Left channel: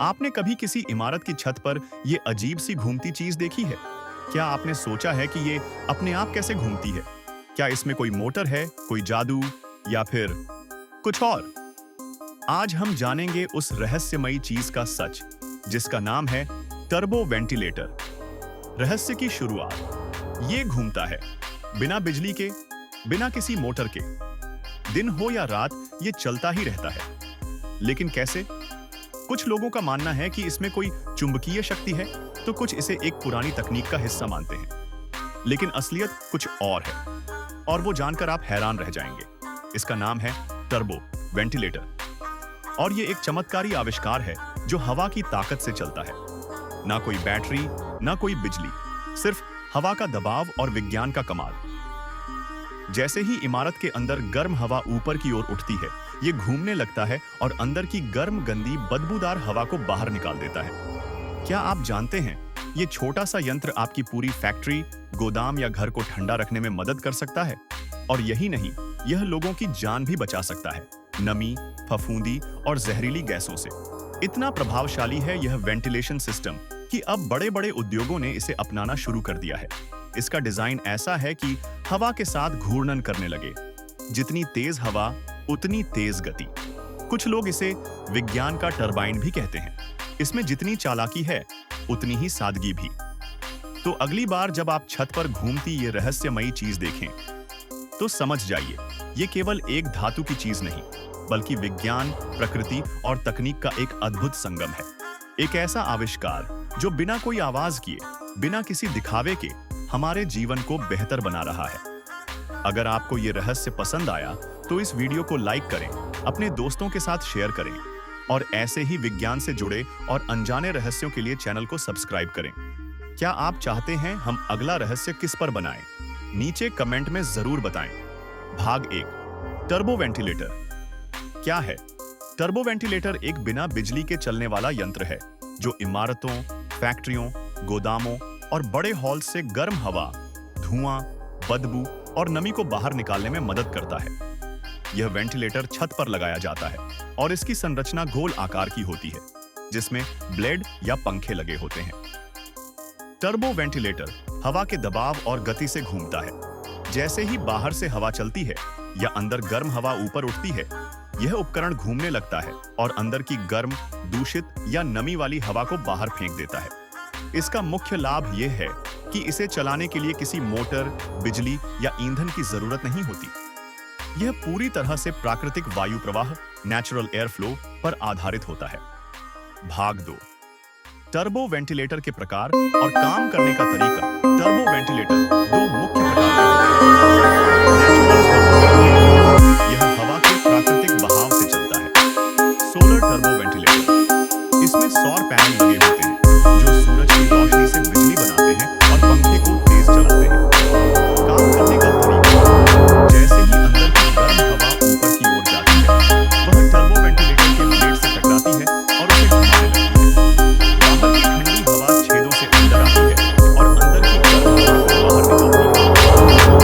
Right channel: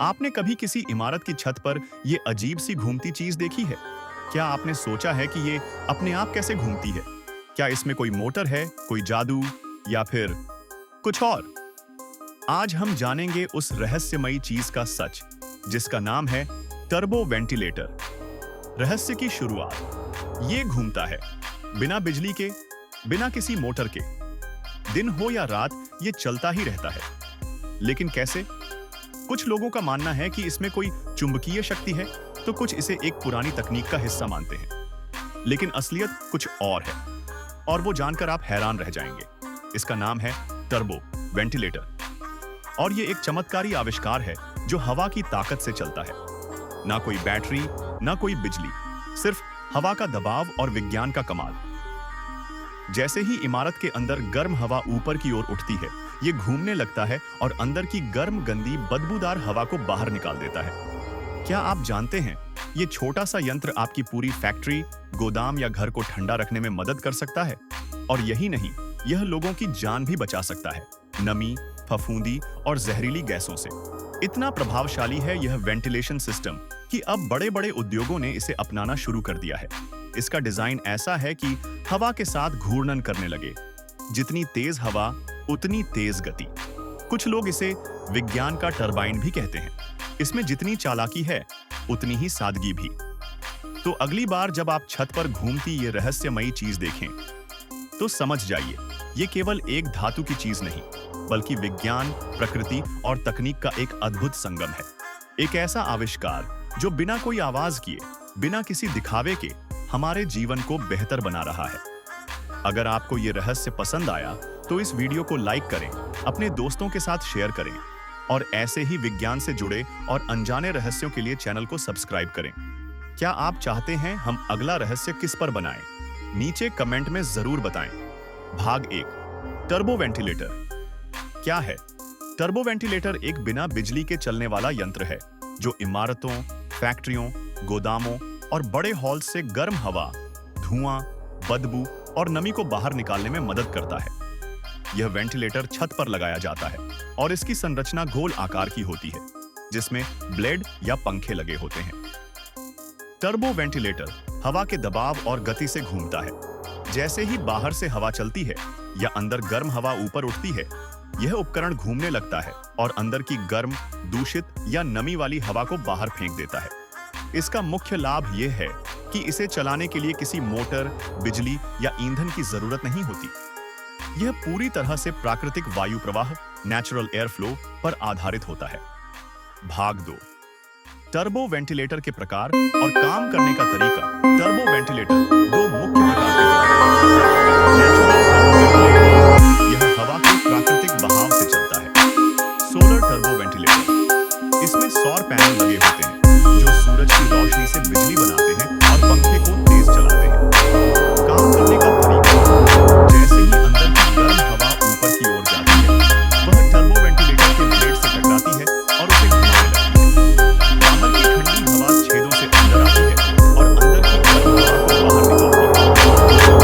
आपने कभी किसी इमारत की छत पर ये अजीब सी घूमती चीज देखी है? क्या आपने सोचा है कि ये अपने आप कैसे घूमती है? क्या इसमें कोई मोटर है, कोई जादू या फिर कुछ और? आज हम जानेंगे उस रहस्यमयी चीज का सच, जिसका नाम है टर्बो वेंटिलेटर। रहस्य की शुरुआत। ये घूमता है बिना बिजली के, बिना किसी मोटर के। दिन हो या रात ये चलता ही रहता है। लेकिन कैसे? कुछ लोगों का मानना है कि इसमें कोई चुंबकीय शक्ति है, तो कुछ इसे एक पुरानी तकनीक का हिस्सा मानते हैं। लेकिन असलियत कुछ और है, और वो जानकर आप हैरान रह जाएंगे। इसका नाम है टर्बो वेंटिलेटर, और ये एक चमत्कारी आविष्कार है जो हवा की ताकत से चलता है। ना कोई बैटरी, ना कोई बिजली, सिर्फ हवा का दबाव और विज्ञान का कमाल। जैसे ही इमारत के अंदर गर्म हवा ऊपर की ओर उठती है, ये घूमने लगता है और अंदर की गर्म, गंदी, बदबूदार हवा को बाहर निकाल देता है। क्या आप जानते हैं, ये छोटा सा यंत्र आपकी पूरी फैक्ट्री, गोदाम या घर को ठंडा रखने में मदद कर सकता है। और यही नहीं, यह लोगों की जान भी बचा सकता है, नमी, फफूंदी और जहरीली गैसों से। इतना प्रभावशाली है यह वेंटिलेशन सिस्टम कि अब बड़े-बड़े उद्योगों ने इसे अपनाना शुरू कर दिया है। इसका डिजाइन ऐसा है कि हवा के साथ घूर्णन करने लगे। जितनी तेज हवा, उतनी तेज गति। कुछ लोग इसे विज्ञान का टरबाइन भी कहते हैं। इसमें जितनी चालाकी है, उतनी ही सादगी भी। तो अगली बार जब आप छत पर घूमती ये रहस्यमयी चीज देखें, तो समझ जाइए, ये केवल एक धातु की चीज नहीं, बल्कि विज्ञान, प्रकृति और तकनीक का एक अद्भुत संगम है। एक ऐसा आविष्कार जो बिना कोई आवाज किए, बिना किसी दिखावे के हमारे जीवन को बेहतर बना रहा है। अगर आपको ये रहस्य पसंद आया, तो इस वीडियो को लाइक करें, अपने दोस्तों के साथ शेयर करें, और ऐसे ही विज्ञान से जुड़े और अनजाने रहस्यों के लिए चैनल को सब्सक्राइब करें। क्या आप चाहते हैं हम अगला रहस्य किस पर बनाएं? नीचे कमेंट में जरूर बताएं। भाग 1, टर्बो वेंटिलेटर क्या है? टर्बो वेंटिलेटर एक बिना बिजली के चलने वाला यंत्र है जो इमारतों, फैक्ट्रियों, गोदामों और बड़े हॉल से गर्म हवा, धुआं, बदबू और नमी को बाहर निकालने में मदद करता है। यह वेंटिलेटर छत पर लगाया जाता है और इसकी संरचना गोल आकार की होती है, जिसमें ब्लेड या पंखे लगे होते हैं। टर्बो वेंटिलेटर हवा के दबाव और गति से घूमता है। जैसे ही बाहर से हवा चलती है या अंदर गर्म हवा ऊपर उठती है, यह उपकरण घूमने लगता है और अंदर की गर्म, दूषित या नमी वाली हवा को बाहर फेंक देता है। इसका मुख्य लाभ यह है कि इसे चलाने के लिए किसी मोटर, बिजली या ईंधन की जरूरत नहीं होती। यह पूरी तरह से प्राकृतिक वायु प्रवाह, नेचुरल एयर फ्लो पर आधारित होता है। भाग 2, टर्बो वेंटिलेटर के प्रकार और काम करने का तरीका। टर्बो वेंटिलेटर दो मुख्य प्रकार के होते हैं। नेचुरल टर्बो वेंटिलेटर, यह हवा के प्राकृतिक बहाव से चलता है। सोलर टर्बो वेंटिलेटर, इसमें सौर पैनल लगे होते हैं जो सूरज की रोशनी से बिजली बनाते हैं और पंखे को तेज चलाते हैं। काम करने का तरीका। जैसे ही अंदर की गर्म हवा ऊपर की ओर जाती है, वह टर्बो वेंटिलेटर के ब्लेड से टकराती है और उसे घुमाने लगती है। बाहर की ठंडी हवा छेदों से अंदर आती है और अंदर की गर्म हवा को बाहर निकालती है।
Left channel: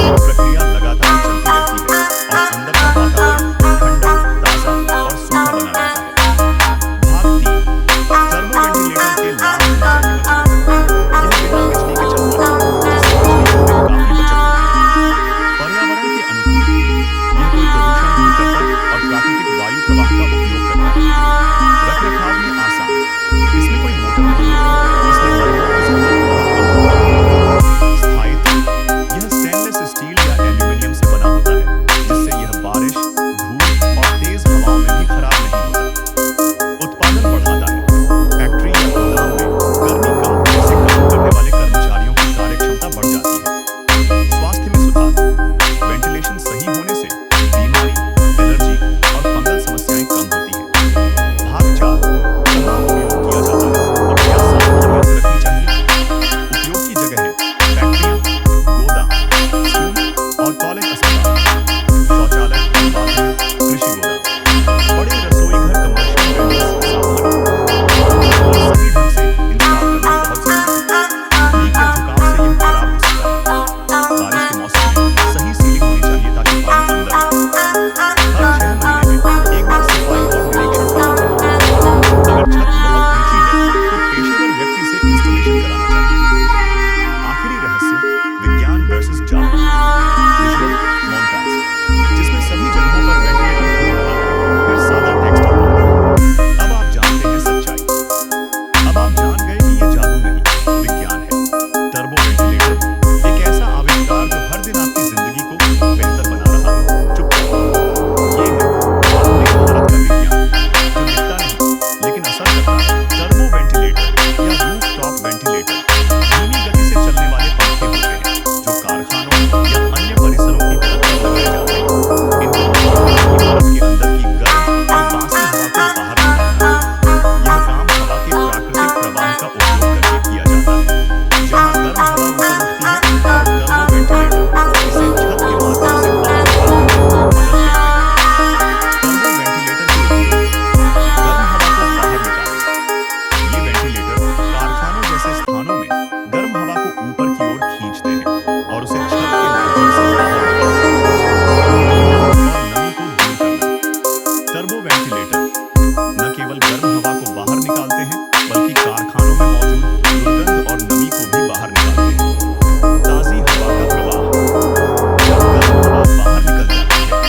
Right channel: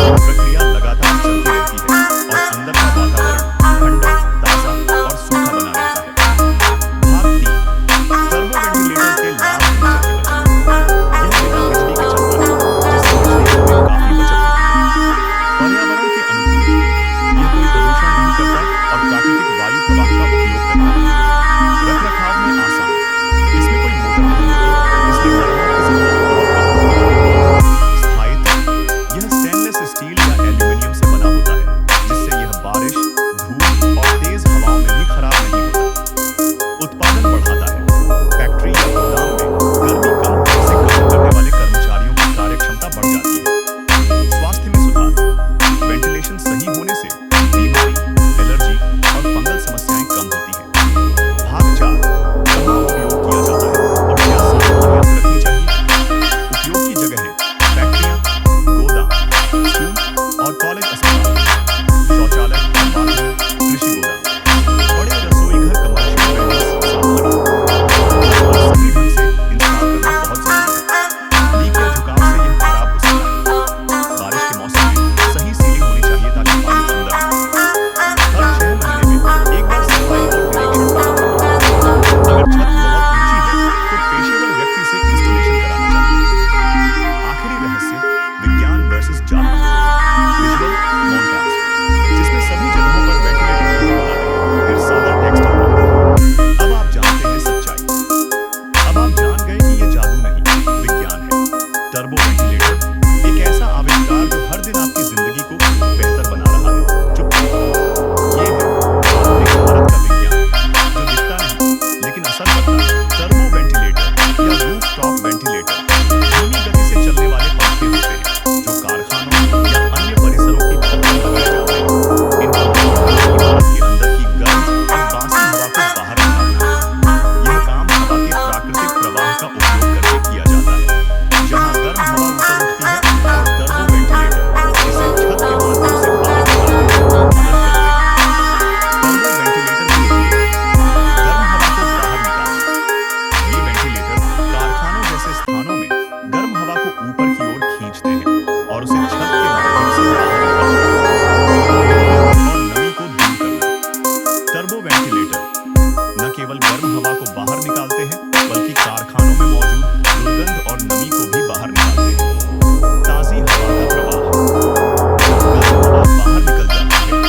यह प्रक्रिया लगातार चलती रहती है और अंदर का वातावरण ठंडा, ताजा और सूखा बना रहता है। भाग 3, टर्बो वेंटिलेटर के लाभ। ऊर्जा की बचत। यह बिना बिजली के चलता है, जिससे बिजली बिल में काफी बचत होती है। पर्यावरण के अनुकूल, यह कोई प्रदूषण नहीं करता और प्राकृतिक वायु प्रवाह का उपयोग करता है। रखरखाव में आसान, टर्बो वेंटिलेटर या रूफ टॉप वेंटिलेटर धीमी गति से चलने वाले पंखे होते हैं जो कारखानों या अन्य परिसरों की छत पर लगाए जाते हैं। इनका मुख्य काम इमारत के अंदर की गर्म और बासी हवा को बाहर निकालना है। यह काम हवा के प्राकृतिक प्रवाह का उपयोग करके किया जाता है, जहां गर्म हवा ऊपर उठती है और टर्बो वेंटिलेटर इसे छत के माध्यम से बाहर निकालने में मदद करते हैं। टर्बो वेंटिलेटर के उपयोग गर्म हवा को बाहर निकालना। ये वेंटिलेटर कारखानों जैसे स्थानों में गर्म हवा को ऊपर की ओर खींचते हैं और उसे छत के माध्यम से बाहर निकालते हैं। दुर्गंध और नमी को दूर करना। टर्बो वेंटिलेटर न केवल गर्म हवा को बाहर निकालते हैं बल्कि कारखानों में मौजूद दुर्गंध और नमी को भी बाहर निकालते हैं। ताज़ी हवा का प्रवाह। जब गर्म हवा बाहर निकल जाती है